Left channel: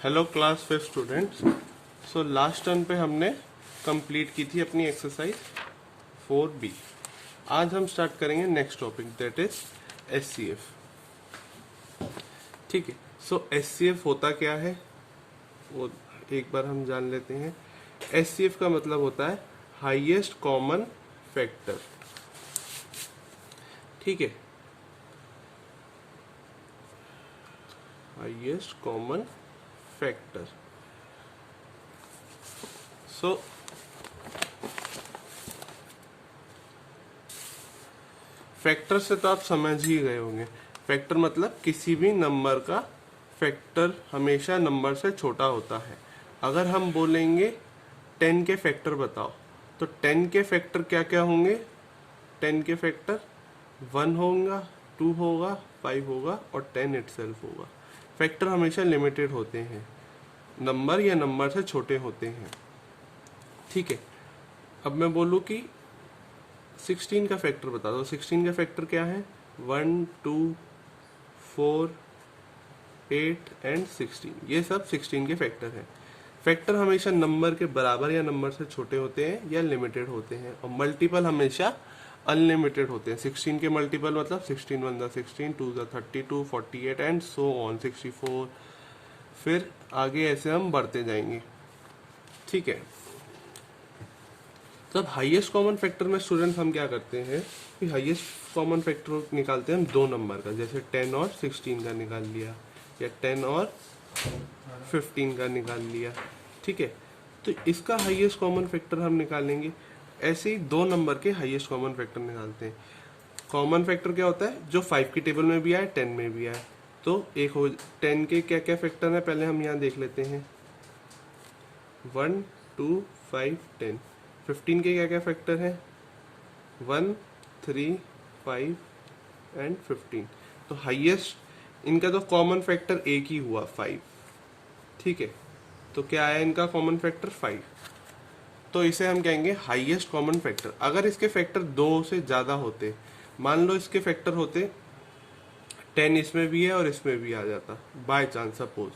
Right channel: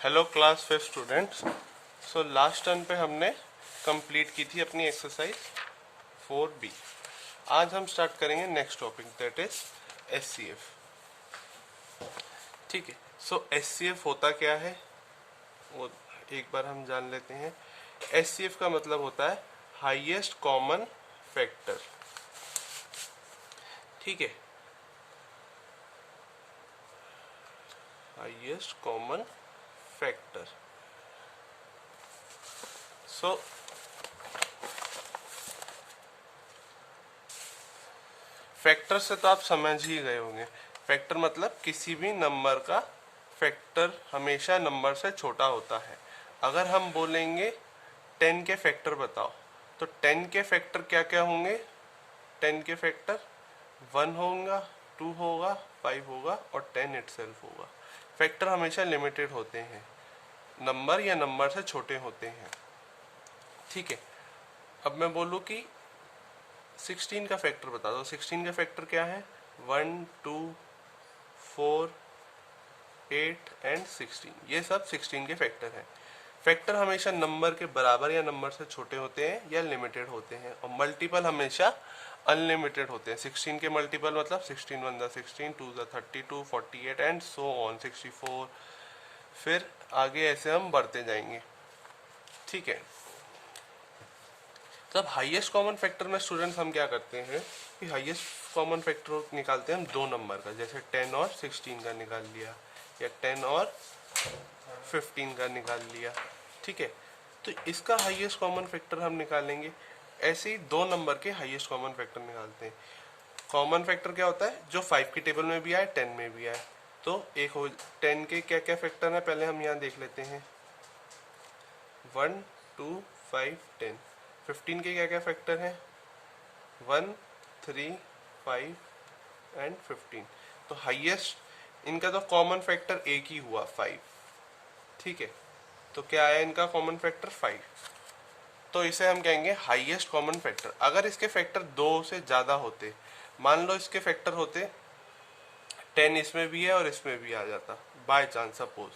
Hello class 5 students. So last term पे हमने complete की थी अपनी एक्सरसाइज 4B। आज हम स्टार्ट करेंगे next topic, that is HCF. ठीक है, सो एचसीएफ होता क्या है वो एक बार हम जान लेते हैं। एचसीएफ का मतलब होता है हाईएस्ट कॉमन फैक्टर। ठीक है, हाईएस्ट कॉमन फैक्टर। सो फैक्टर से तो आप समझ ही गए होंगे। फैक्टर मतलब किसी भी नंबर का फैक्टर हमेशा नंबर से छोटा होता है। अगर हम बोलेंगे 10 के फैक्टर बताओ, तो 10 के फैक्टर क्या क्या होंगे? 10 के फैक्टर 1 होगा, 2 होगा, 5 होगा और 10 इटसेल्फ होगा। फैक्टर हमेशा लिमिटेड होते हैं, नंबर या नंबर से छोटे होते हैं। ठीक है, अब मैं बोलूं कि 16 का फैक्टर बता दो। 16 का फैक्टर क्या है? 1, 2, 4, 8 एंड 16। ये सब 16 के फैक्टर हैं। फैक्टर हमेशा नंबर के बराबर या नंबर से छोटे होते हैं या लिमिटेड होते हैं, और मल्टीपल हमेशा अनलिमिटेड होते हैं। 16 के मल्टीपल मतलब 16 1 ज़ा 16, 2 ज़ा 32, 48 एंड सो ऑन 64। फिर आगे ऐसे हम बढ़ते जाएंगे। ठीक है, तो अब हाईएस्ट कॉमन फैक्टर में स्टूडेंट्स हम क्या करते हैं कि हाईएस्ट कॉमन फैक्टर निकालते हैं हम दो नंबर का, जैसे 10 और 16 का निकाल लिया या 10 और 15 का निकाल लिया। ठीक है, तो इसका हाईएस्ट कॉमन फैक्टर हम निकालेंगे। ऐसे ही दो नंबर के हाईएस्ट कॉमन फैक्टर निकालते हैं। कॉमन फैक्टर क्या होता है? जो 5 की टेबल में भी आए, 10 में भी आए। तो एक हो 10 के क्या क्या फैक्टर है पहले हम यहाँ देख लेते हैं। 1, 2, 5, 10। 15 के क्या क्या फैक्टर हैं? 1, 3, 5 एंड 15। तो हाईएस्ट इनका तो कॉमन फैक्टर एक ही हुआ, 5। ठीक है, तो क्या आया इनका कॉमन फैक्टर? 5। तो इसे हम कहेंगे हाईएस्ट कॉमन फैक्टर। अगर इसके फैक्टर 2 से ज्यादा होते, मान लो इसके फैक्टर होते 10 इसमें भी है और इसमें भी आ जाता बाय चांस सपोज,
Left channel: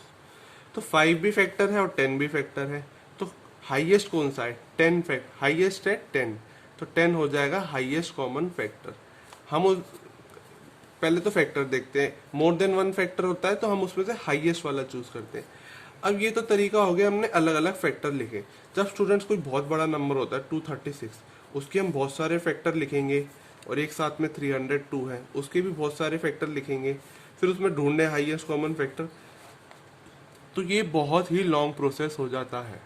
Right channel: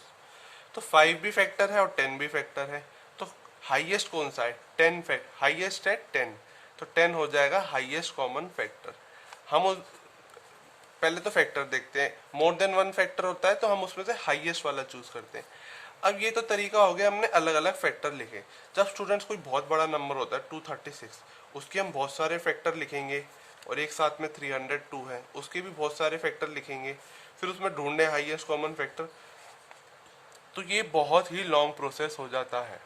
तो 5 भी फैक्टर है और 10 भी फैक्टर है। तो हाईएस्ट कौन सा है? 10 फैक्टर, हाईएस्ट है 10, तो 10 हो जाएगा हाईएस्ट कॉमन फैक्टर। हम पहले तो फैक्टर देखते हैं। मोर देन 1 फैक्टर होता है तो हम उसमें से हाईएस्ट वाला चूज करते हैं। अब ये तो तरीका हो गया, हमने अलग अलग फैक्टर लिखे। जब स्टूडेंट्स कोई बहुत बड़ा नंबर होता है 236, उसके हम बहुत सारे फैक्टर लिखेंगे, और एक साथ में 302 है, उसके भी बहुत सारे फैक्टर लिखेंगे, फिर उसमें ढूंढने हाईएस्ट कॉमन फैक्टर। तो ये बहुत ही लॉन्ग प्रोसेस हो जाता है।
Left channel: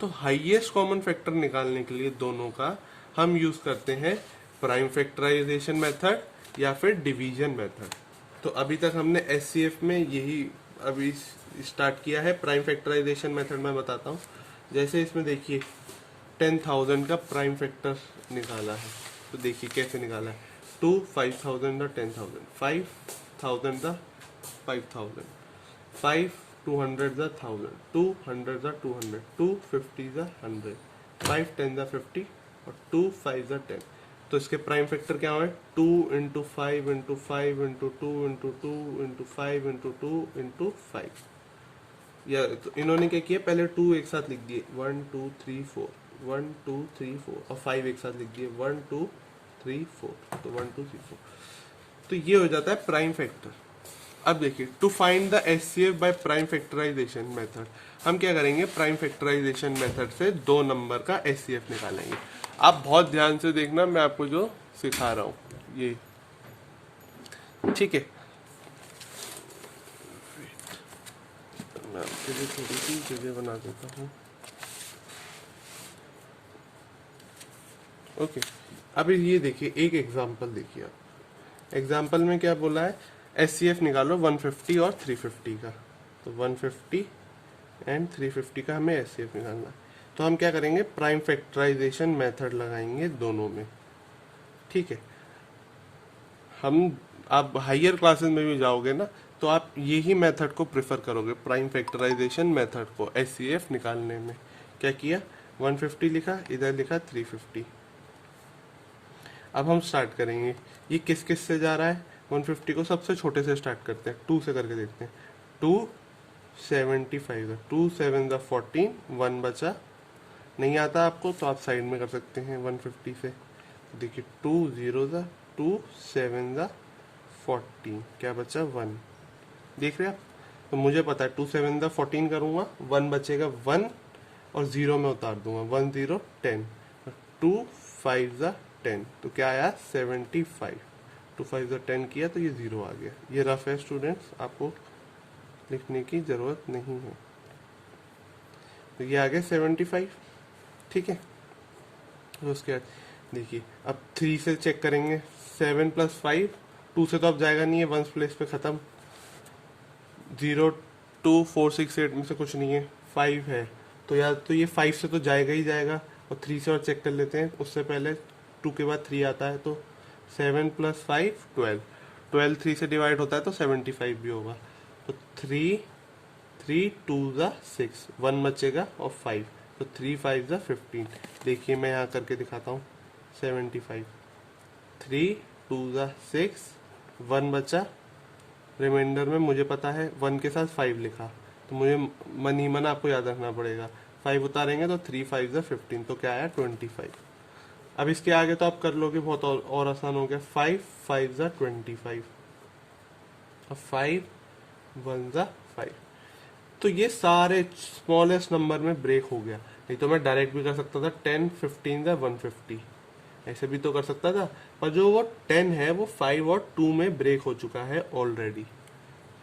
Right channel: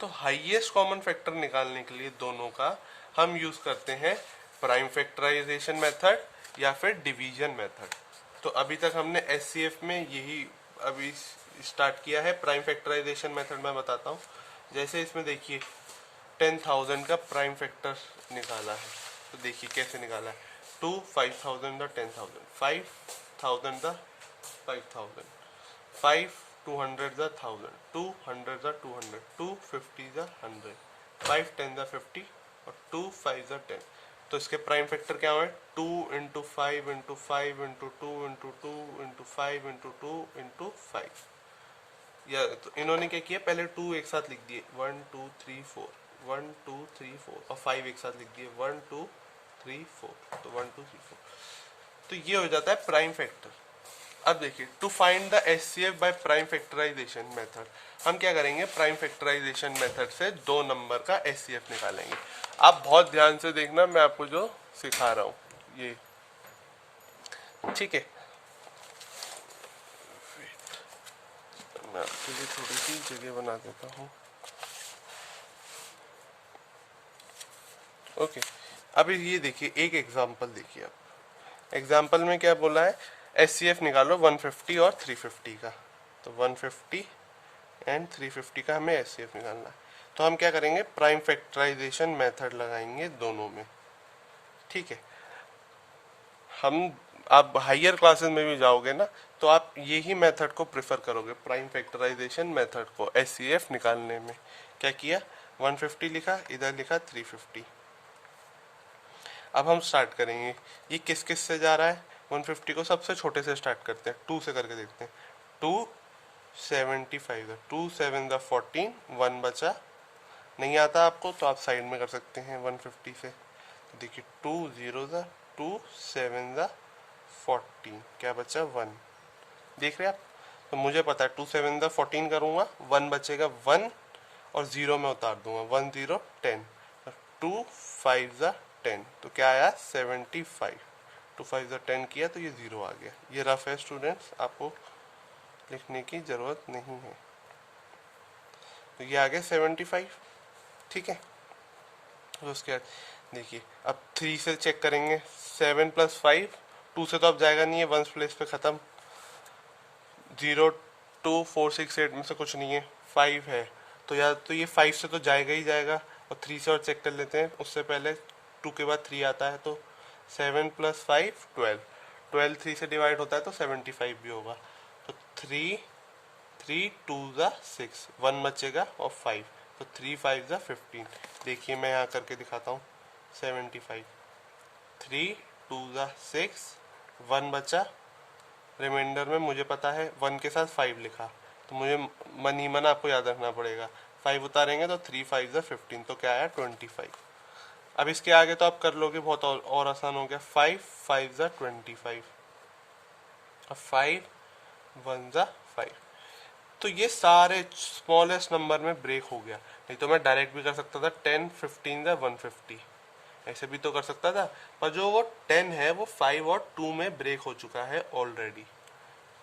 तो हाईएस्ट कॉमन फैक्टर निकालने के लिए दोनों का हम यूज करते हैं प्राइम फैक्टराइजेशन मेथड या फिर डिवीजन मेथड। तो अभी तक हमने एचसीएफ में यही अभी स्टार्ट किया है। प्राइम फैक्टराइजेशन मेथड मैं बताता हूँ। जैसे इसमें देखिए 10,000 का प्राइम फैक्टर निकाला है, तो देखिए कैसे निकाला है। 2 5,000 the 10,000, 5,000 the 5,000, 5 200 the 1,000, 200 the 200, 250 the 100, 5 10 the 50 और 2 5 द 10। तो इसके प्राइम फैक्टर क्या हुए? 2 into 5 into 5 into 2 into 2 into 5 into 2 into 5। या तो इन्होंने क्या किया, पहले 2 एक साथ लिख दिए, 1 2 3 4, 1 2 3 4, और 5 एक साथ लिख दिए, 1 2 3 4, तो 1 2 3 4। तो ये हो जाता है प्राइम फैक्टर। अब देखिए, to find the HCF by prime factorisation method, हम क्या करेंगे? प्राइम फैक्टराइजेशन मेथड से दो नंबर का एचसीएफ निकालेंगे। आप बहुत ध्यान से देखना, मैं आपको जो सिखा रहा हूं ये। ठीक है, मैं आपके लिए थोड़ी सी जगह बना देता हूँ। ओके, अभी ये देखिए, एक एग्जांपल देखिए। आप एग्जांपल में क्या बोला है? एचसीएफ निकालो 150 और 350 का। तो 150 एंड 350 का हमें एचसीएफ निकालना है। तो हम क्या करेंगे? प्राइम फैक्टराइजेशन मेथड लगाएंगे दोनों में। ठीक है, हम आप हायर क्लासेस में भी जाओगे ना, तो आप यही मेथड को प्रेफर करोगे, प्राइम फैक्टराइजेशन मेथड को एचसीएफ निकालने में। क्या किया? 150 लिखा, इधर लिखा 350। अब हम स्टार्ट करेंगे। ये किस किस से जा रहा है? 150 को सबसे छोटे से स्टार्ट करते हैं, 2 से करके देखते हैं। 2 75 है, 2 7 ज़ा 14, 1 बचा। नहीं आता आपको तो आप साइड में कर सकते हैं 150 से। देखिए 2 0 ज़ा 2 7 ज़ा 14, क्या बचा 1। देख रहे हैं आप, तो मुझे पता है 2 7 ज़ा 14 करूँगा, 1 बचेगा 1 और 0 में उतार दूंगा, 1 0 10, 2 5 ज़ा 10, तो क्या आया 75। 2 5 ज़ा 10 किया तो ये 0 आ गया। ये रफ है स्टूडेंट्स, आपको लिखने की ज़रूरत नहीं है। तो ये आ गया 75, ठीक है। तो उसके बाद देखिए अब 3 से चेक करेंगे, 7 + 5, 2 से तो अब जाएगा नहीं है, 1 प्लेस पे ख़त्म। 0 2 4 6 8 में से कुछ नहीं है, 5 है, तो या तो ये 5 से तो जाएगा ही जाएगा। और 3 से और चेक कर लेते हैं, उससे पहले 2 के बाद 3 आता है, तो 7 + 5 12, 12 3 से डिवाइड होता है तो 75 भी होगा। तो 3 3 2 ज़ा 6, 1 बचेगा और 5, तो 3 5 ज़ा 15। देखिए मैं यहाँ करके दिखाता हूँ, 75, 3 2 ज़ा 6, 1 बचा, रिमाइंडर में मुझे पता है 1 के साथ 5 लिखा, तो मुझे मन ही मन आपको याद रखना पड़ेगा। 5 उतारेंगे तो 3 5 ज़ा 15, तो क्या आया 25। अब इसके आगे तो आप कर लोगे, बहुत और आसान हो गया। 5 5 ज़ा 25, अब 5 1 ज़ा 5, तो ये सारे स्मॉलेस्ट नंबर में ब्रेक हो गया। नहीं तो मैं डायरेक्ट भी कर सकता था 10 15 ज़ा 150, ऐसे भी तो कर सकता था, पर जो वो 10 है वो 5 और 2 में ब्रेक हो चुका है ऑलरेडी,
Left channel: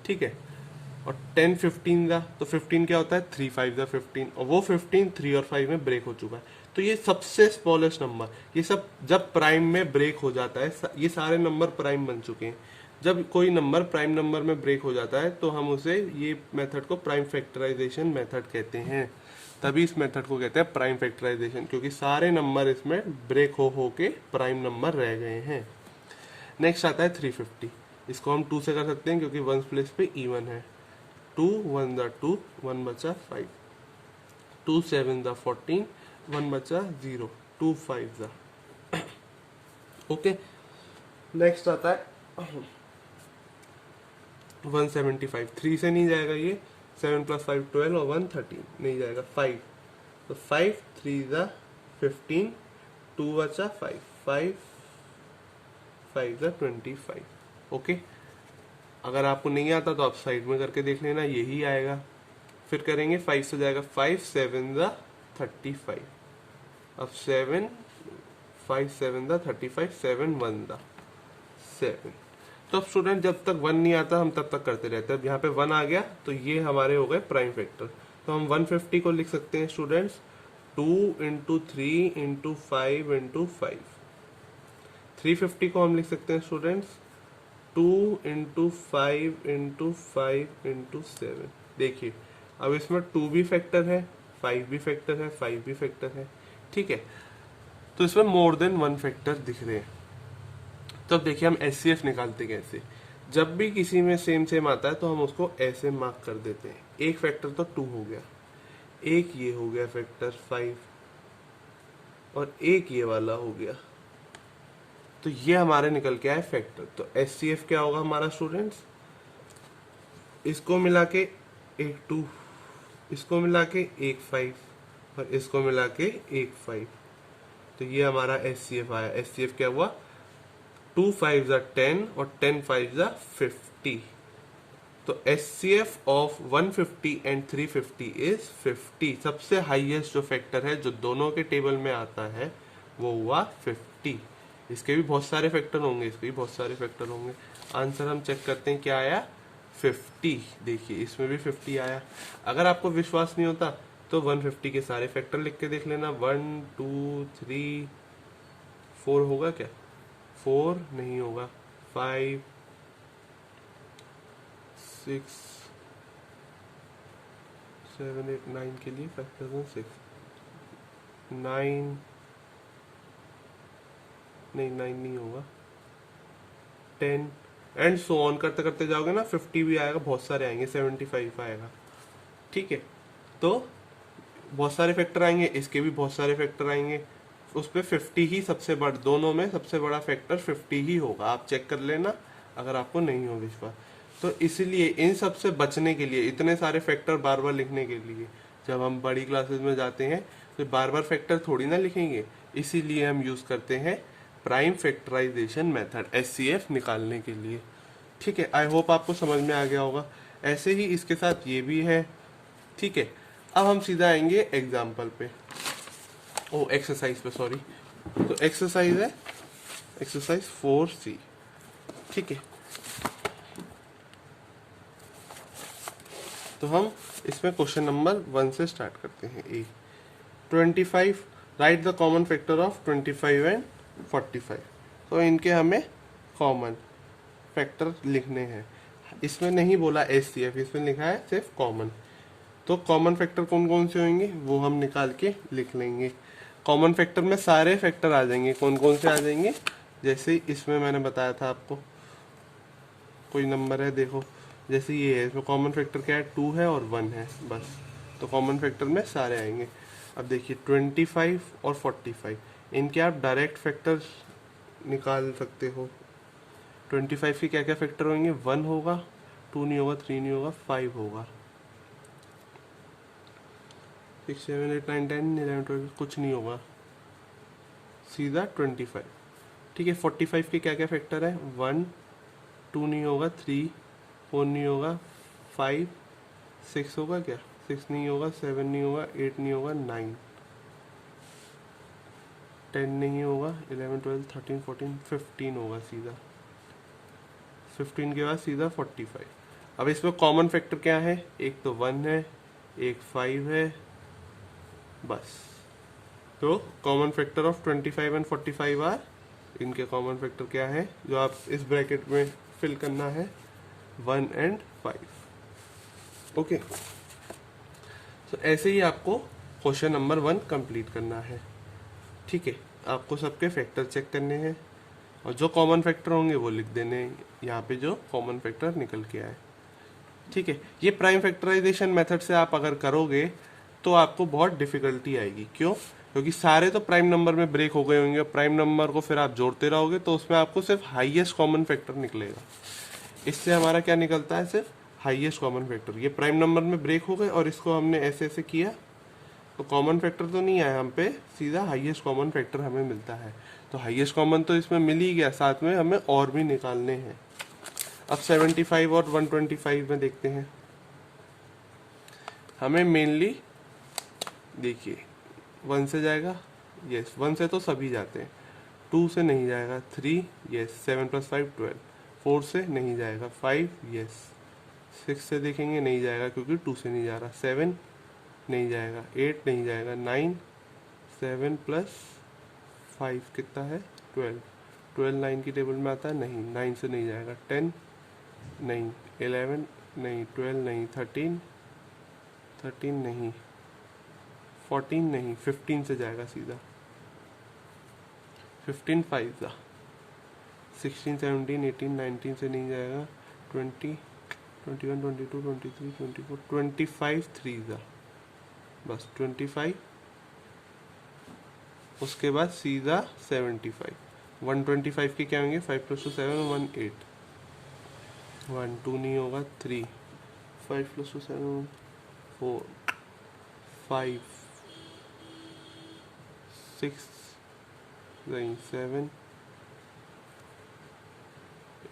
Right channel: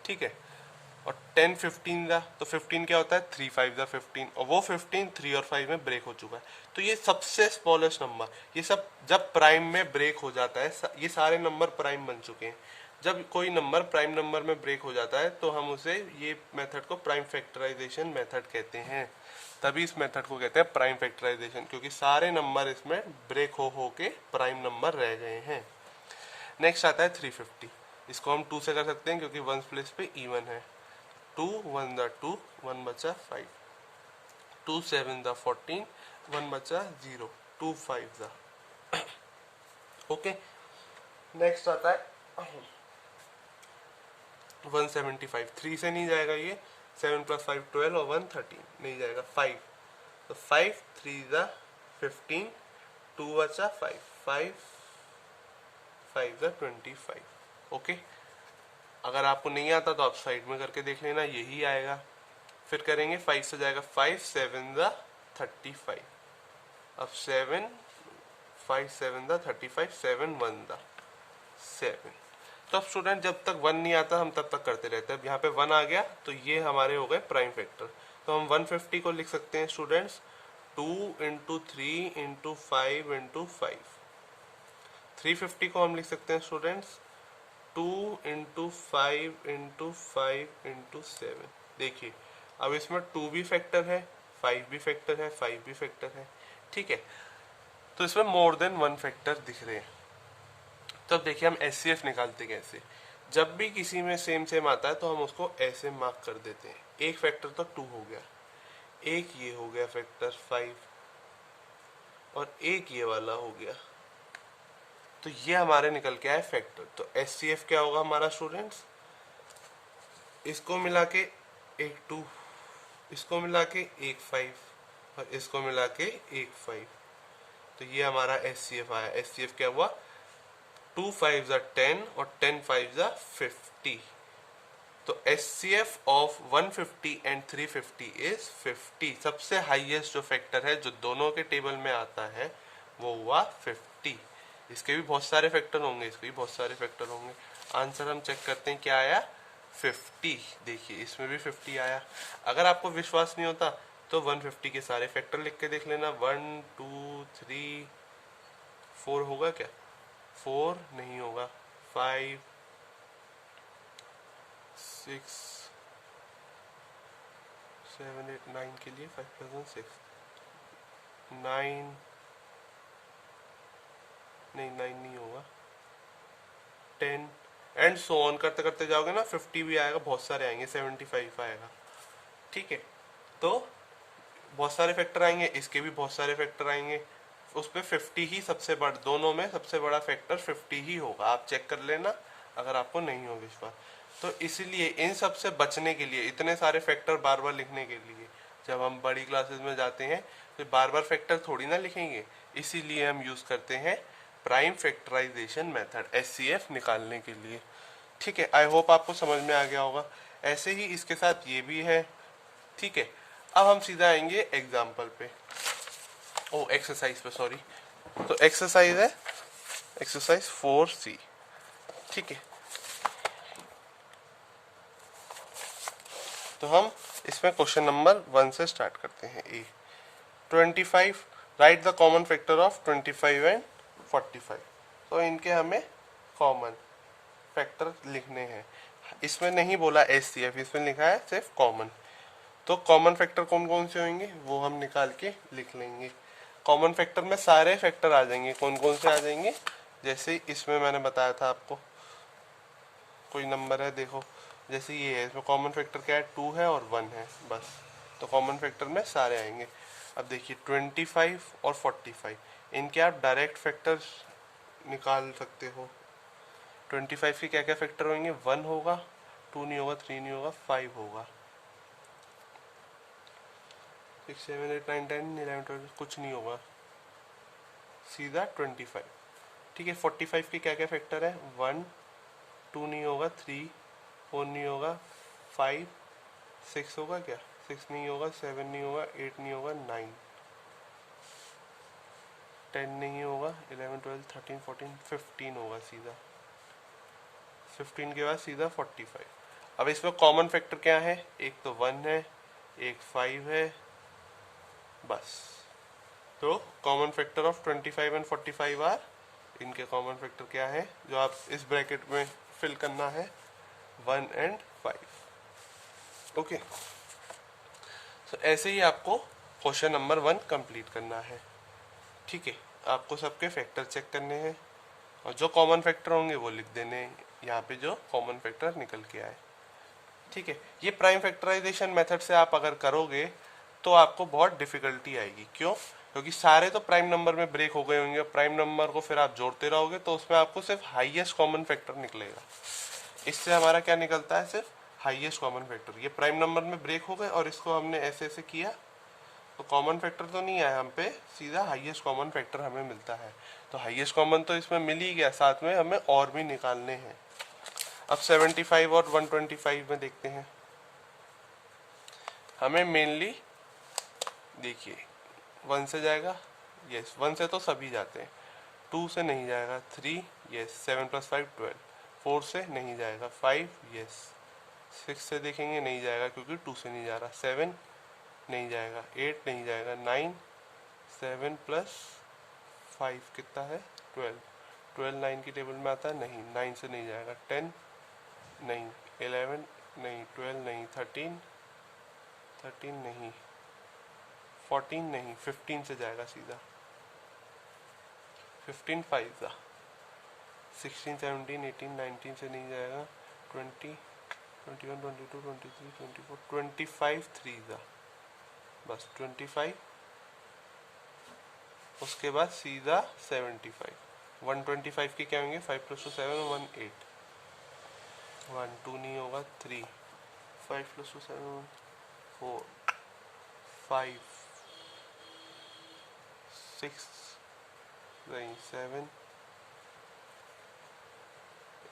ठीक है। और 10 15 ज़ा, तो 15 क्या होता है 3 5 ज़ा 15, और वो 15 3 और 5 में ब्रेक हो चुका है। तो ये सबसे स्मॉलेस्ट नंबर, ये सब जब प्राइम में ब्रेक हो जाता है, ये सारे नंबर प्राइम बन चुके हैं। जब कोई नंबर प्राइम नंबर में ब्रेक हो जाता है तो हम उसे, ये मेथड को प्राइम फैक्टराइजेशन मेथड कहते हैं। तभी इस मेथड को कहते हैं प्राइम फैक्टराइजेशन, क्योंकि सारे नंबर इसमें ब्रेक हो के प्राइम नंबर रह गए हैं। नेक्स्ट आता है 350, इसको हम 2 से कर सकते हैं क्योंकि 1 प्लेस पे इवन है। 2 1 ज़ा 2, 1 बचा 5, 2 7 ज़ा 14, 1 बचा 0, 2 5 ज़ा ओके। नेक्स्ट आता है 175, 3 से नहीं जाएगा ये, 7 + 5 12 और 1 13, नहीं जाएगा 5, तो 5 3 ज़ा 15, 2 बचा 5, 5 5 ज़ा 25, ओके। अगर आपको नहीं आता तो आप साइड में करके देख लेना, यही आएगा। फिर करेंगे 5 से जाएगा 5 7 ज़ा 35, अब 7 5 7 ज़ा 35, 7 1 ज़ा 7। तो अब स्टूडेंट जब तक 1 नहीं आता हम तब तक करते रहते हैं। अब यहाँ पे 1 आ गया तो ये हमारे हो गए प्राइम फैक्टर। तो हम 150 को लिख सकते हैं स्टूडेंट्स 2 × 3 × 5 × 5। 350 को हम लिख सकते हैं स्टूडेंट्स 2 × 5 × 5 × 7। देखिए अब इसमें 2 भी फैक्टर है, 5 भी फैक्टर है, 5 भी फैक्टर है, ठीक है। तो इसमें मोर देन 1 फैक्टर दिख रहे हैं। तो अब देखिए हम HCF निकालते कैसे। जब भी किसी में सेम सेम आता है तो हम उसको ऐसे मार्क कर देते हैं। एक फैक्टर तो 2 हो गया, एक ये हो गया फैक्टर 5, और एक ये वाला हो गया, तो ये हमारे निकल के आए फैक्टर। तो HCF क्या होगा हमारा स्टूडेंट्स, इसको मिला के एक 2, इसको मिला के एक 5, और इसको मिला के एक 5, तो ये हमारा HCF आया। HCF क्या हुआ 2 5 ज़ा 10 और 10 5 ज़ा 50। तो HCF ऑफ 150 एंड 350 इज 50। सबसे हाईएस्ट जो फैक्टर है जो दोनों के टेबल में आता है वो हुआ 50। इसके भी बहुत सारे फैक्टर होंगे, इसके भी बहुत सारे फैक्टर होंगे। आंसर हम चेक करते हैं क्या आया 50। देखिए इसमें भी 50 आया। अगर आपको विश्वास नहीं होता तो 150 के सारे फैक्टर लिख के देख लेना। 1 2 3 4 होगा क्या, 4 नहीं होगा, 5 6 7 8 9 के लिए 5,006, 9 नहीं 9 नहीं होगा, 10 एंड सो ऑन करते करते जाओगे ना 50 भी आएगा, बहुत सारे आएंगे, 75 आएगा, ठीक है। तो बहुत सारे फैक्टर आएंगे, इसके भी बहुत सारे फैक्टर आएंगे, उस पर 50 ही सबसे बड़ा, दोनों में सबसे बड़ा फैक्टर 50 ही होगा। आप चेक कर लेना अगर आपको नहीं हो विश्वास। तो इसीलिए इन सब से बचने के लिए, इतने सारे फैक्टर बार बार लिखने के लिए, जब हम बड़ी क्लासेस में जाते हैं तो बार बार फैक्टर थोड़ी ना लिखेंगे, इसीलिए हम यूज करते हैं प्राइम फैक्टराइजेशन मेथड एचसीएफ निकालने के लिए। ठीक है, आई होप आपको समझ में आ गया होगा। ऐसे ही इसके साथ ये भी है। ठीक है, अब हम सीधा आएंगे एग्जाम्पल पे, ओ एक्सरसाइज पे, सॉरी। तो एक्सरसाइज है एक्सरसाइज 4C। ठीक है, तो हम इसमें क्वेश्चन नंबर 1 से स्टार्ट करते हैं। 25, right the common factor of 25 and 45। तो इनके हमें कॉमन फैक्टर लिखने हैं। इसमें नहीं बोला एचसीएफ, इसमें लिखा है सिर्फ कॉमन। तो कॉमन फैक्टर कौन कौन से होंगे वो हम निकाल के लिख लेंगे। कॉमन फैक्टर में सारे फैक्टर आ जाएंगे। कौन कौन से आ जाएंगे, जैसे इसमें मैंने बताया था आपको, कोई नंबर है देखो, जैसे ये है, इसमें कॉमन फैक्टर क्या है, 2 है और 1 है बस। तो कॉमन फैक्टर में सारे आएंगे। अब देखिए 25 और 45, इनके आप डायरेक्ट फैक्टर निकाल सकते हो। 25 के क्या क्या फैक्टर होंगे, 1 होगा, 2 नहीं होगा, 3 नहीं होगा, 5 होगा, 6 7 8 9 10 11 12 कुछ नहीं होगा, सीधा 25। ठीक है, 45 के क्या क्या फैक्टर है, 1 2 नहीं होगा, 3 4 नहीं होगा, 5 6 होगा क्या, 6 नहीं होगा, 7 नहीं होगा, 8 नहीं होगा, 9 10 नहीं होगा, 11 12 13 14 15 होगा, सीधा 15 के बाद सीधा 45। अब इसमें कॉमन फैक्टर क्या है, एक तो 1 है, एक 5 है, बस। तो common factor of 25 and 45 are, इनके कॉमन फैक्टर क्या है जो आप इस ब्रैकेट में फिल करना है, 1 एंड 5। ओके, तो ऐसे ही आपको क्वेश्चन नंबर 1 कंप्लीट करना है। ठीक है, आपको सबके फैक्टर चेक करने हैं और जो कॉमन फैक्टर होंगे वो लिख देने हैं यहाँ पे, जो कॉमन फैक्टर निकल के आए। ठीक है, ये प्राइम फैक्टराइजेशन मेथड से आप अगर करोगे तो आपको बहुत डिफिकल्टी आएगी। क्यों, क्योंकि सारे तो प्राइम नंबर में ब्रेक हो गए होंगे। प्राइम नंबर को फिर आप जोड़ते रहोगे तो उसमें आपको सिर्फ हाईएस्ट कॉमन फैक्टर निकलेगा। इससे हमारा क्या निकलता है, सिर्फ हाईएस्ट कॉमन फैक्टर। ये प्राइम नंबर में ब्रेक हो गए और इसको हमने ऐसे ऐसे किया तो कॉमन फैक्टर तो नहीं आया हम पे, सीधा हाईएस्ट कॉमन फैक्टर हमें मिलता है। तो हाईएस्ट कॉमन तो इसमें मिल ही गया, साथ में हमें और भी निकालने हैं। अब 75 और 125 में देखते हैं। हमें मेनली देखिए 1 से जाएगा, यस 1 से तो सभी जाते हैं, 2 से नहीं जाएगा, 3 यस, 7 + 5 12, 4 से नहीं जाएगा, 5 यस, 6 से देखेंगे नहीं जाएगा क्योंकि 2 से नहीं जा रहा, 7 नहीं जाएगा, 8 नहीं जाएगा, 9 7 + 5 कितना है, 12, 12 9 की टेबल में आता है, नहीं 9 से नहीं जाएगा, 10 नहीं, 11 नहीं, 12 नहीं, 13 नहीं, 14 नहीं, 15 से जाएगा सीधा, 15 5 था, 16 17 18 19 से नहीं जाएगा, 20 21 22 23 24 25 3 था, बस 25। उसके बाद सीधा 75। 125 के क्या होंगे, 5 + 2 7 1 8, 1 2 नहीं होगा, 3 5 + 2 7 4 5 6 नहीं, 7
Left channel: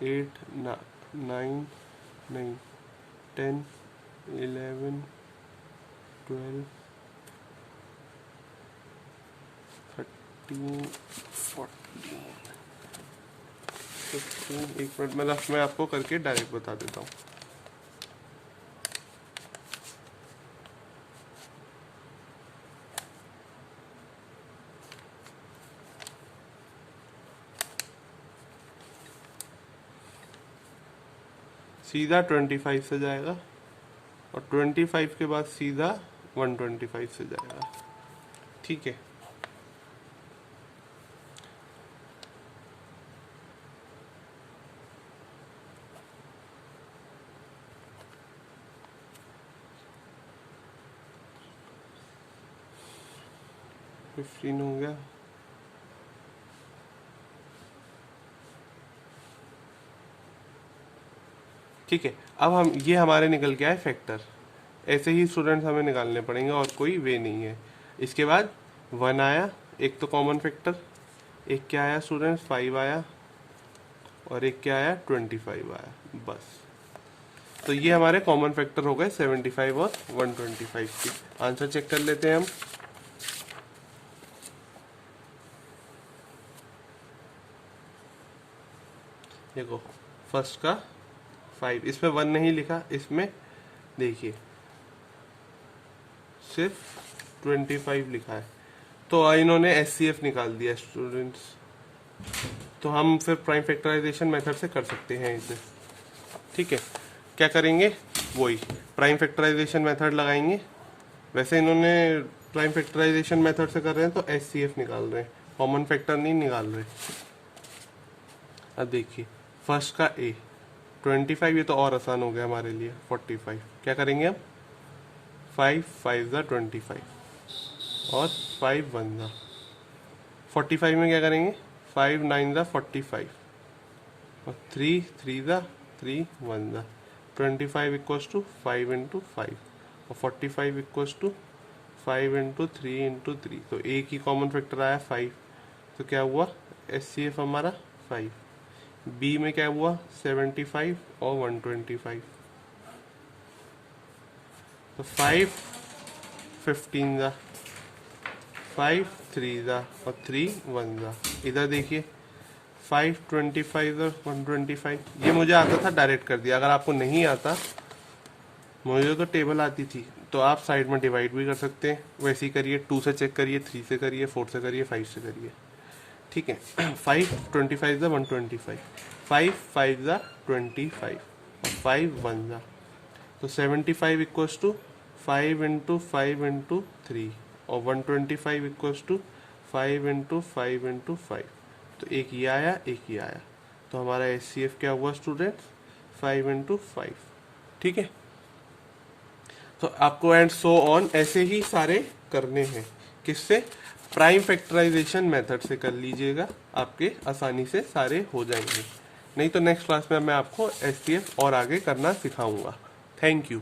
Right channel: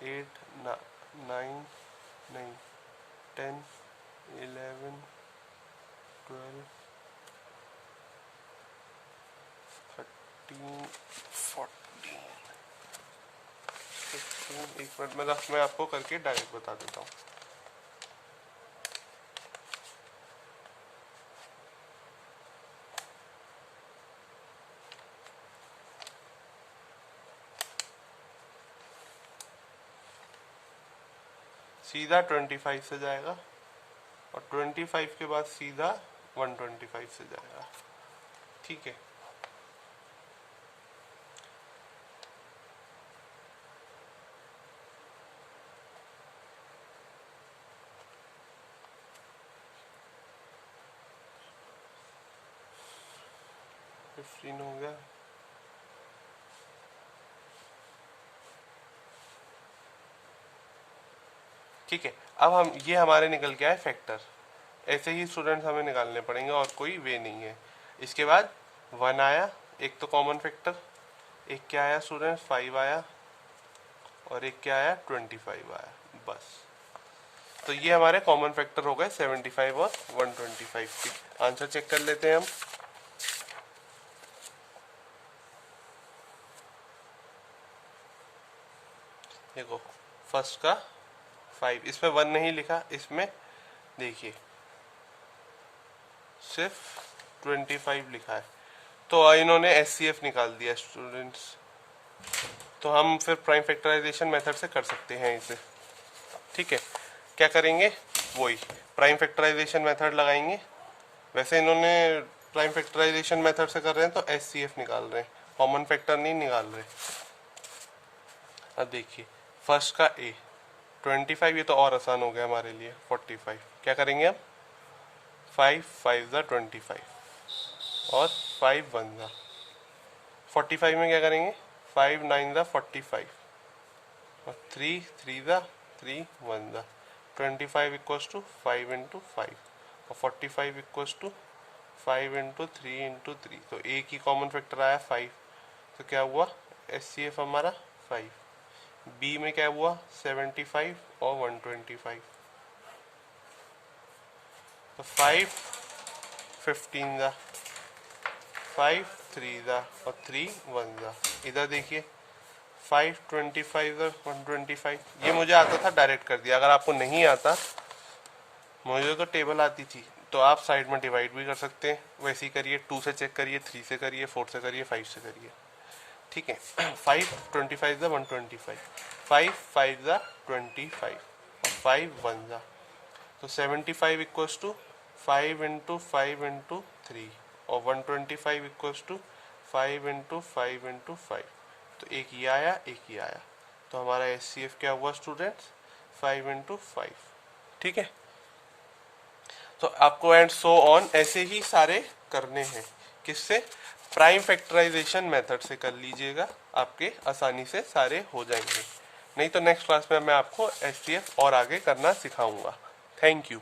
8 9 नहीं, 10 11 12 13 14 15। एक मिनट, मतलब मैं आपको करके डायरेक्ट बता देता हूँ। सीधा 25 से जाएगा और 25 के बाद सीधा 125 से जाएगा। ठीक है, फिफ्टीन हो गया, ठीक है, अब हम ये हमारे निकल के आए फैक्टर। ऐसे ही स्टूडेंट्स हमें निकालने पड़ेंगे और कोई वे नहीं है। इसके बाद 1 आया, एक तो कॉमन फैक्टर, एक क्या आया स्टूडेंट्स 5 आया, और एक क्या आया 25 आया, बस। तो ये हमारे कॉमन फैक्टर हो गए 75 और 125 की। आंसर चेक कर लेते हैं हम। देखो फर्स्ट का 5, इसमें 1 नहीं लिखा, इसमें देखिए सिर्फ 25 लिखा है, तो इन्होंने SCF निकाल दिया स्टूडेंट्स। तो हम फिर प्राइम फैक्टराइजेशन मेथड से कर सकते हैं इसे। ठीक है, क्या करेंगे, वही प्राइम फैक्टराइजेशन मेथड लगाएंगे। वैसे इन्होंने प्राइम फैक्टराइजेशन मेथड से कर रहे हैं तो SCF निकाल रहे हैं, कॉमन फैक्टर नहीं निकाल रहे। अब देखिए फर्स्ट का A 25, ये तो और आसान हो गया हमारे लिए। 45 क्या करेंगे हम, 5 5 ज़ा 25 और 5 1 ज़ा 45 में क्या करेंगे, 5 9 ज़ा 45 और 3 3 ज़ा 3 1 ज़ा 25 इक्वल्स टू 5 इंटू 5 और 45 इक्वल्स टू 5 इंटू 3 इंटू 3। तो A की कॉमन फैक्टर आया 5, तो क्या हुआ SCF हमारा 5। B में क्या हुआ 75 और 125, तो 5 15 ज़ा 5 3 ज़ा और 3 1 ज़ा। इधर देखिए 5 25 और 125, ये मुझे आता था डायरेक्ट कर दिया। अगर आपको नहीं आता, मुझे तो टेबल आती थी, तो आप साइड में डिवाइड भी कर सकते हैं। वैसे ही करिए, 2 से चेक करिए, 3 से करिए, 4 से करिए, 5 से करिए। ठीक है, 5 25 ज़ा 125, 5 5 ज़ा 25 और 5 1 ज़ा, तो 75 इक्वल्स टू 5 इंटू 5 इंटू 3 और 125 इक्वल्स टू 5 इंटू 5 इंटू 5। तो एक ये आया, एक ये आया, तो हमारा SCF क्या हुआ स्टूडेंट्स 5 इंटू 5। ठीक है, तो आपको एंड सो ऑन ऐसे ही सारे करने हैं। किससे, प्राइम फैक्टराइजेशन मेथड से कर लीजिएगा, आपके आसानी से सारे हो जाएंगे। नहीं तो नेक्स्ट क्लास में मैं आपको SCF और आगे करना सिखाऊंगा। Thank you.